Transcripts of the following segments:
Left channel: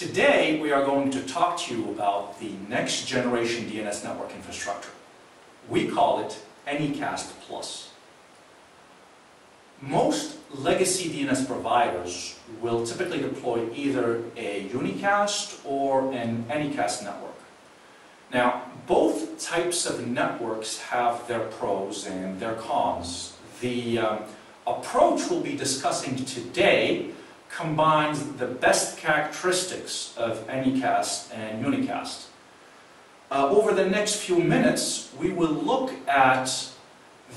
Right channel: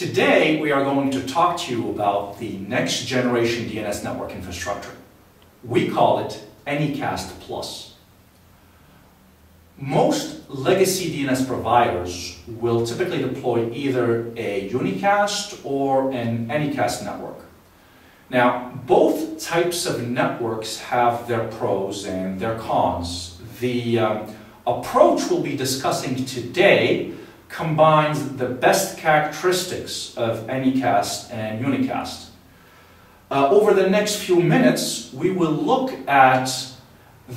Today we are going to talk to you about the next generation DNS network infrastructure. We call it Anycast Plus. Most legacy DNS providers will typically deploy either a unicast or an Anycast network. Now, both types of networks have their pros and their cons. The approach we'll be discussing today combines the best characteristics of Anycast and unicast. Over the next few minutes, we will look at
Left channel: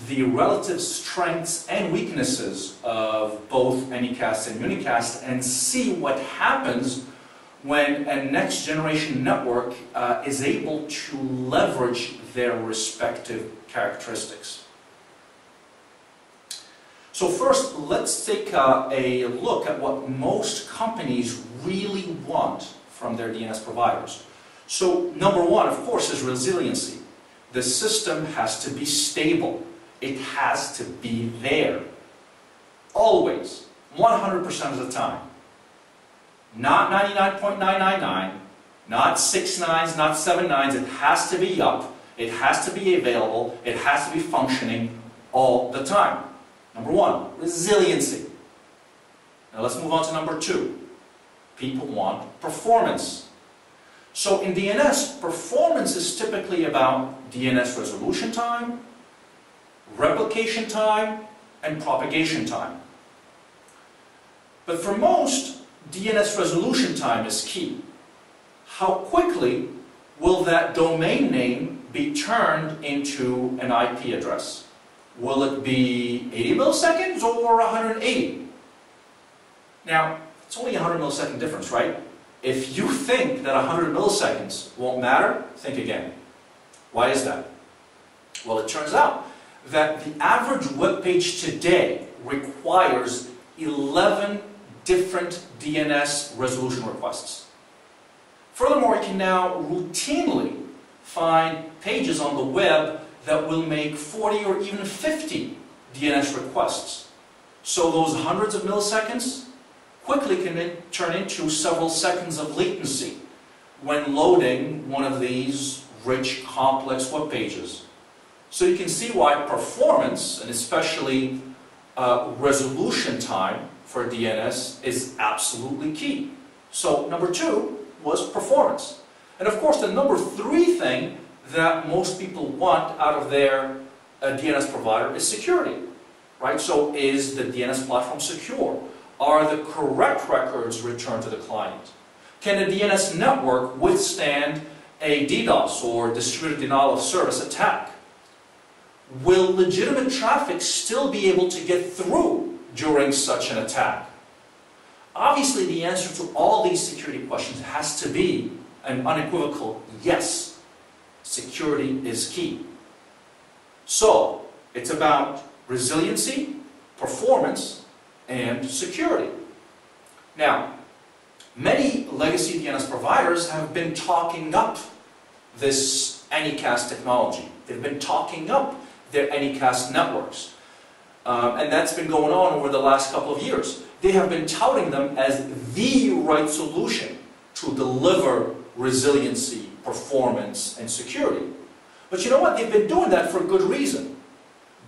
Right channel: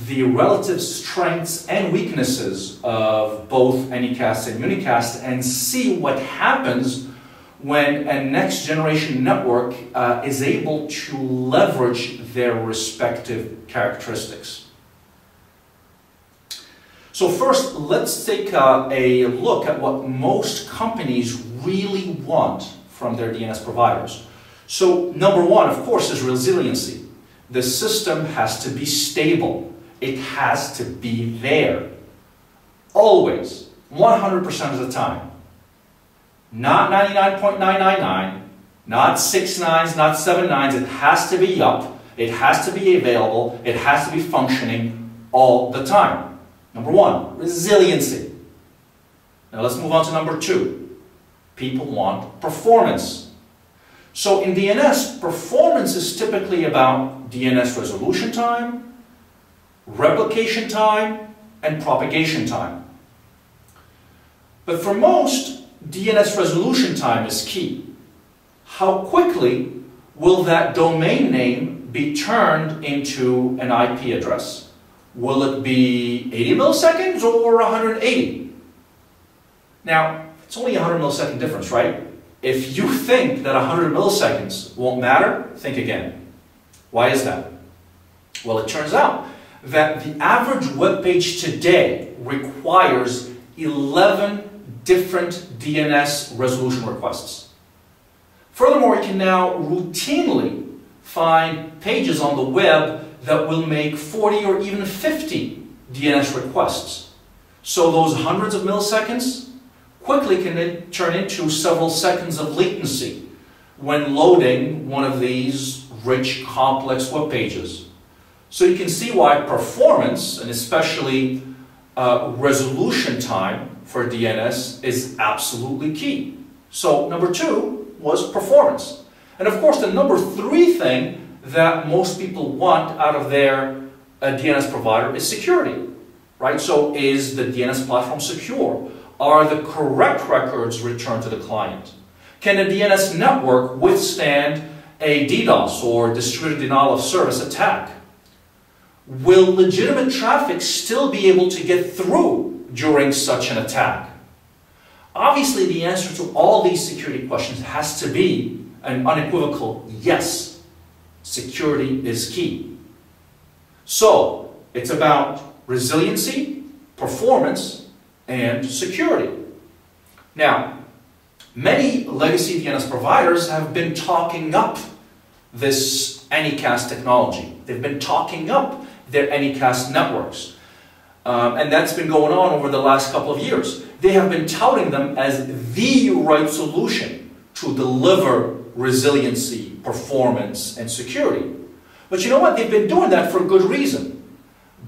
the relative strengths and weaknesses of both Anycast and unicast and see what happens when a next generation network is able to leverage their respective characteristics. So first, let's take a look at what most companies really want from their DNS providers. So number one, of course, is resiliency. The system has to be stable. It has to be there. Always. 100% of the time. Not 99.999, not 6 nines, not 7 nines. It has to be up. It has to be available. It has to be functioning all the time. Number one, resiliency. Now let's move on to number two. People want performance. So in DNS, performance is typically about DNS resolution time, replication time, and propagation time. But for most, DNS resolution time is key. How quickly will that domain name be turned into an IP address? Will it be 80 milliseconds or 180? Now, it's only a 100 millisecond difference, right? If you think that 100 milliseconds won't matter, think again. Why is that? Well, it turns out that the average web page today requires 11 different DNS resolution requests. Furthermore, we can now routinely find pages on the web that will make 40 or even 50 DNS requests. So those hundreds of milliseconds quickly can turn into several seconds of latency when loading one of these rich, complex web pages. So you can see why performance, and especially resolution time for DNS, is absolutely key. So number two was performance. And of course, the number three thing that most people want out of their DNS provider is security, right? So is the DNS platform secure? Are the correct records returned to the client? Can a DNS network withstand a DDoS or distributed denial of service attack? Will legitimate traffic still be able to get through during such an attack? Obviously, the answer to all these security questions has to be an unequivocal yes. Security is key. So, it's about resiliency, performance, and security. Now, many legacy DNS providers have been talking up this Anycast technology. They've been talking up their Anycast networks. And that's been going on over the last couple of years. They have been touting them as the right solution to deliver resiliency, performance, and security. But you know what? They've been doing that for good reason.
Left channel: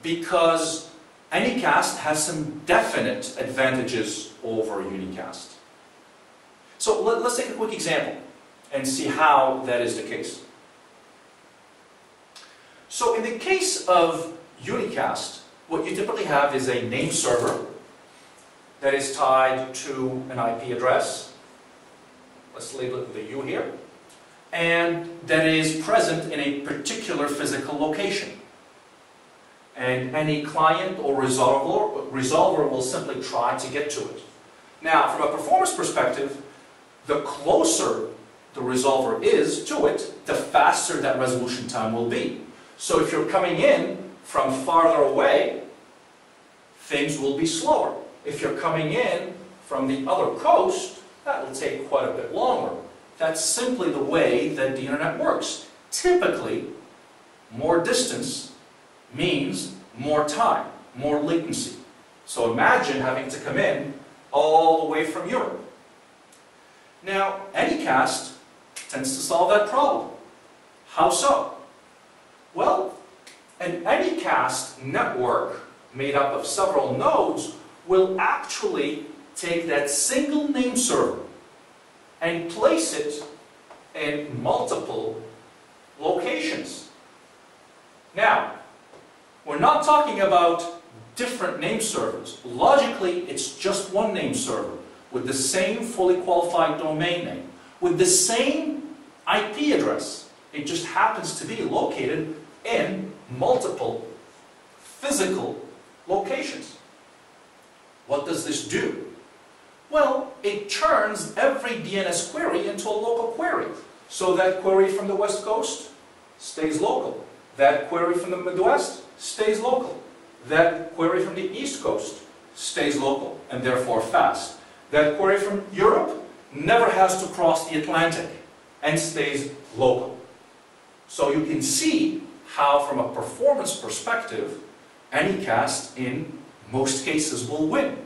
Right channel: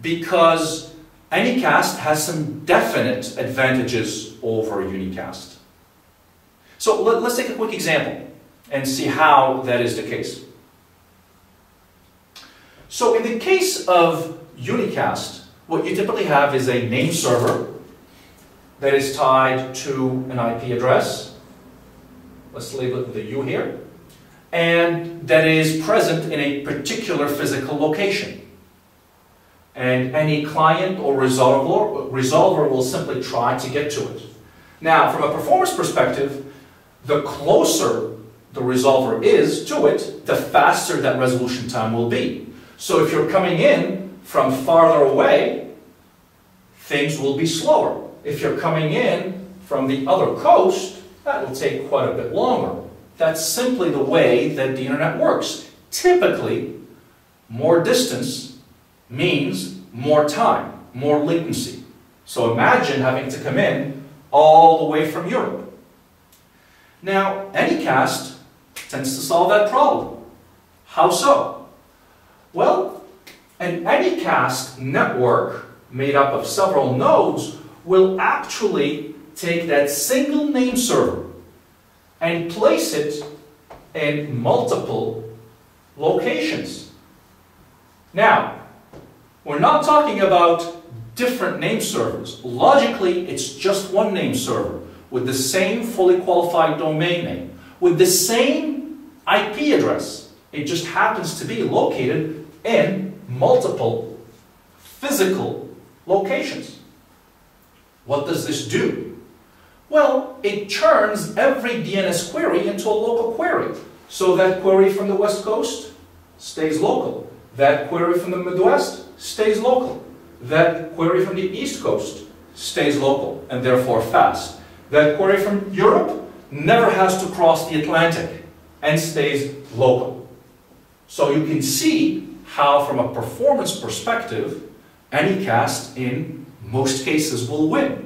Because Anycast has some definite advantages over unicast. So let's take a quick example and see how that is the case. So in the case of unicast, what you typically have is a name server that is tied to an IP address. Let's label it the U here. And that is present in a particular physical location. And any client or resolver will simply try to get to it. Now, from a performance perspective, the closer the resolver is to it, the faster that resolution time will be. So if you're coming in from farther away, things will be slower. If you're coming in from the other coast, that will take quite a bit longer. That's simply the way that the internet works. Typically, more distance means more time, more latency. So imagine having to come in all the way from Europe. Now, Anycast tends to solve that problem. How so? Well, an Anycast network made up of several nodes will actually take that single name server and place it in multiple locations. Now, we're not talking about different name servers. Logically, it's just one name server with the same fully qualified domain name, with the same IP address. It just happens to be located in multiple physical locations. What does this do? Well, it turns every DNS query into a local query. So that query from the West Coast stays local. That query from the Midwest stays local. That query from the East Coast stays local and therefore fast. That query from Europe never has to cross the Atlantic and stays local. So you can see how, from a performance perspective, Anycast in most cases will win.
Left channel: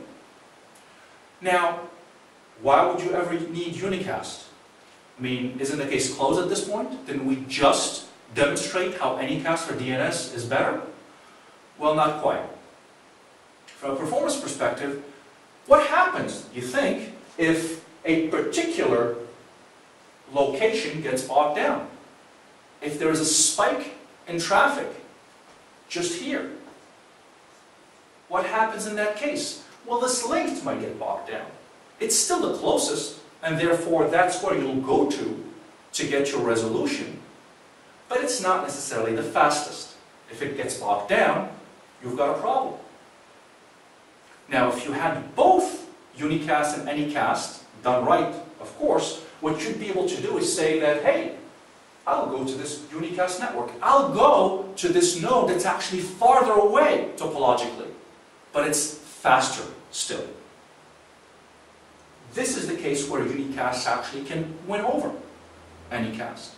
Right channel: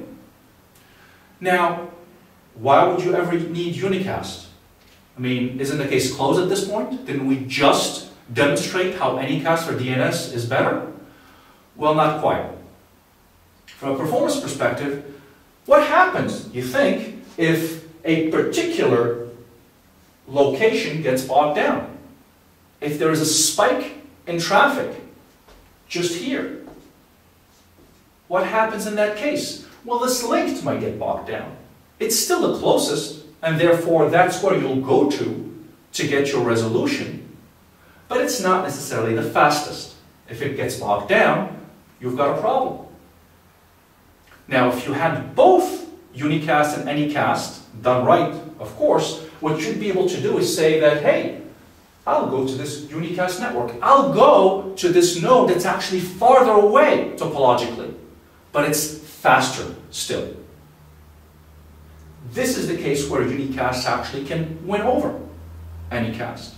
Now, why would you ever need unicast? I mean, isn't the case closed at this point? Didn't we just demonstrate how Anycast for DNS is better? Well, not quite. From a performance perspective, what happens, you think, if a particular location gets bogged down? If there is a spike in traffic just here, what happens in that case? Well, this link might get bogged down. It's still the closest, and therefore that's where you'll go to get your resolution, but it's not necessarily the fastest. If it gets bogged down, you've got a problem. Now, if you had both unicast and anycast done right, of course, what you'd be able to do is say that, hey, I'll go to this unicast network. I'll go to this node that's actually farther away topologically, but it's faster still. This is the case where unicast actually can win over anycast.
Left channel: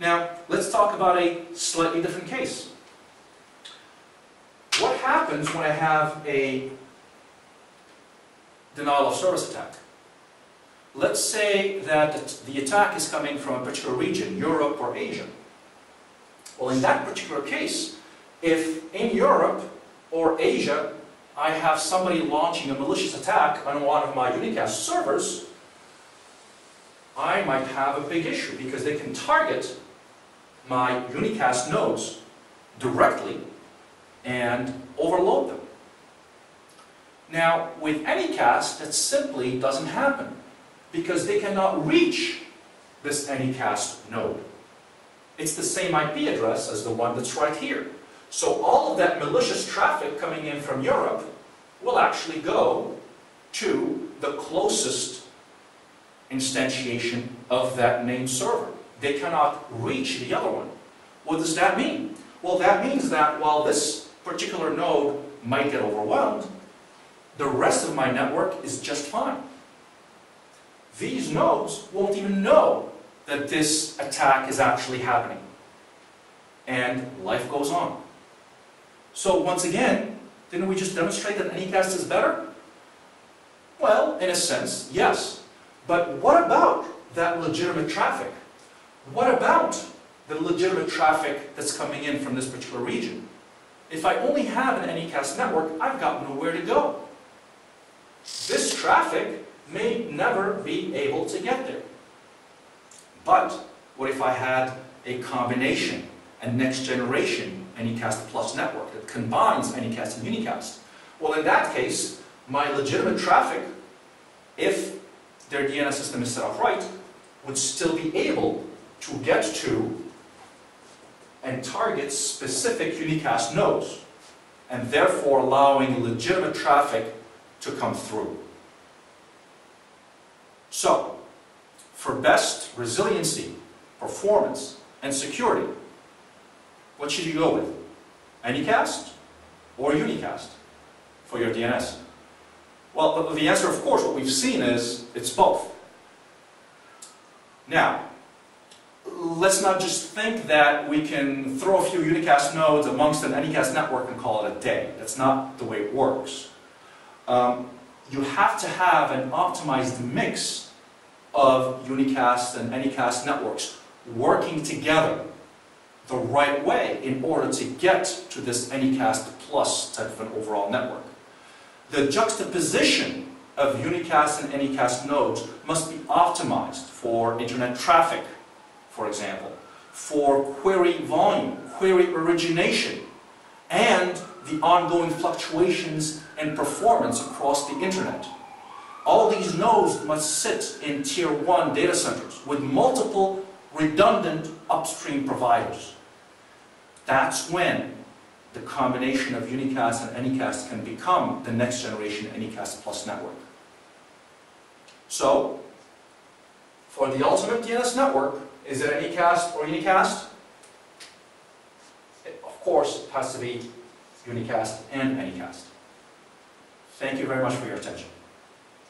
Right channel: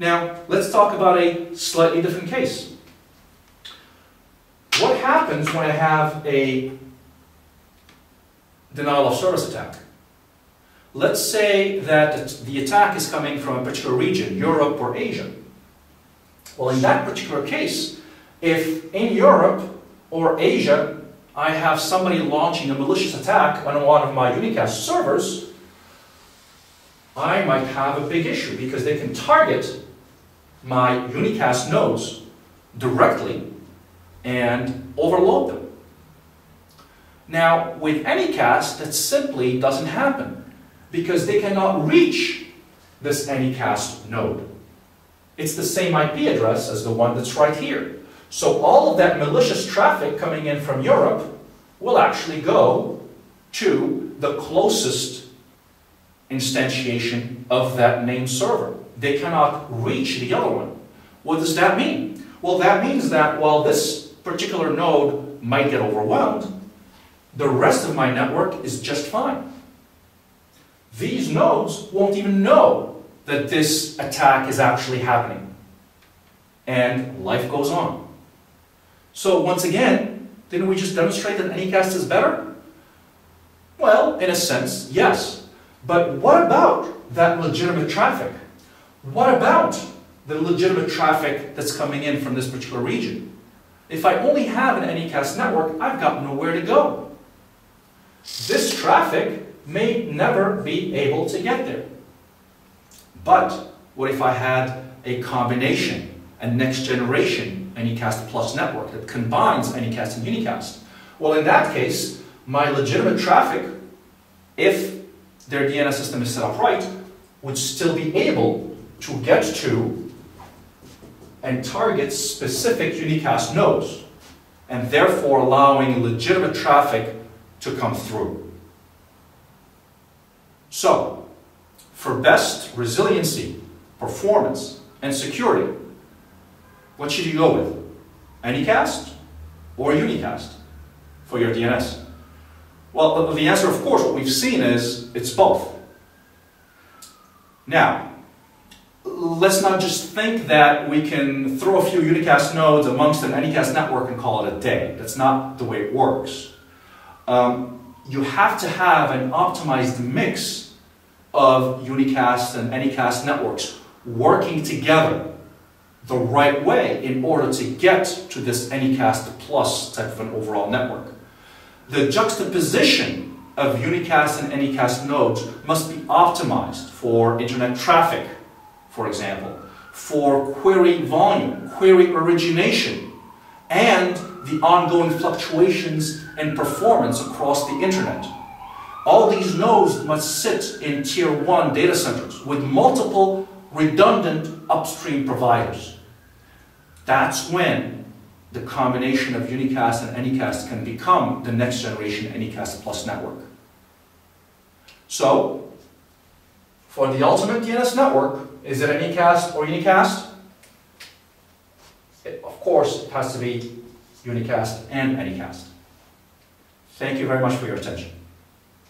Now, let's talk about a slightly different case. What happens when I have a denial of service attack? Let's say that the attack is coming from a particular region, Europe or Asia. Well, in that particular case, if in Europe or Asia I have somebody launching a malicious attack on one of my unicast servers, I might have a big issue because they can target my unicast nodes directly and overload them. Now, with Anycast, that simply doesn't happen because they cannot reach this Anycast node. It's the same IP address as the one that's right here. So all of that malicious traffic coming in from Europe will actually go to the closest instantiation of that name server. They cannot reach the other one. What does that mean? Well, that means that while this particular node might get overwhelmed, the rest of my network is just fine. These nodes won't even know that this attack is actually happening. And life goes on. So once again, didn't we just demonstrate that Anycast is better? Well, in a sense, yes. But what about that legitimate traffic? What about the legitimate traffic that's coming in from this particular region? If I only have an Anycast network, I've got nowhere to go. This traffic may never be able to get there. But what if I had a combination, a next generation Anycast Plus network that combines Anycast and unicast? Well, in that case, my legitimate traffic, if their DNS system is set up right, would still be able to get to and target specific unicast nodes, and therefore allowing legitimate traffic to come through. So, for best resiliency, performance, and security, what should you go with? Anycast or unicast for your DNS? Well, the answer, of course, what we've seen is it's both. Now, let's not just think that we can throw a few unicast nodes amongst an Anycast network and call it a day. That's not the way it works. you have to have an optimized mix of unicast and anycast networks working together the right way in order to get to this Anycast plus type of an overall network. The juxtaposition of unicast and anycast nodes must be optimized for internet traffic, for example, for query volume, query origination, and the ongoing fluctuations in performance across the internet. All these nodes must sit in tier 1 data centers with multiple redundant upstream providers. That's when the combination of unicast and anycast can become the next generation Anycast plus network. So, for the ultimate DNS network, is it Anycast or unicast? Of course, it has to be unicast and anycast. Thank you very much for your attention.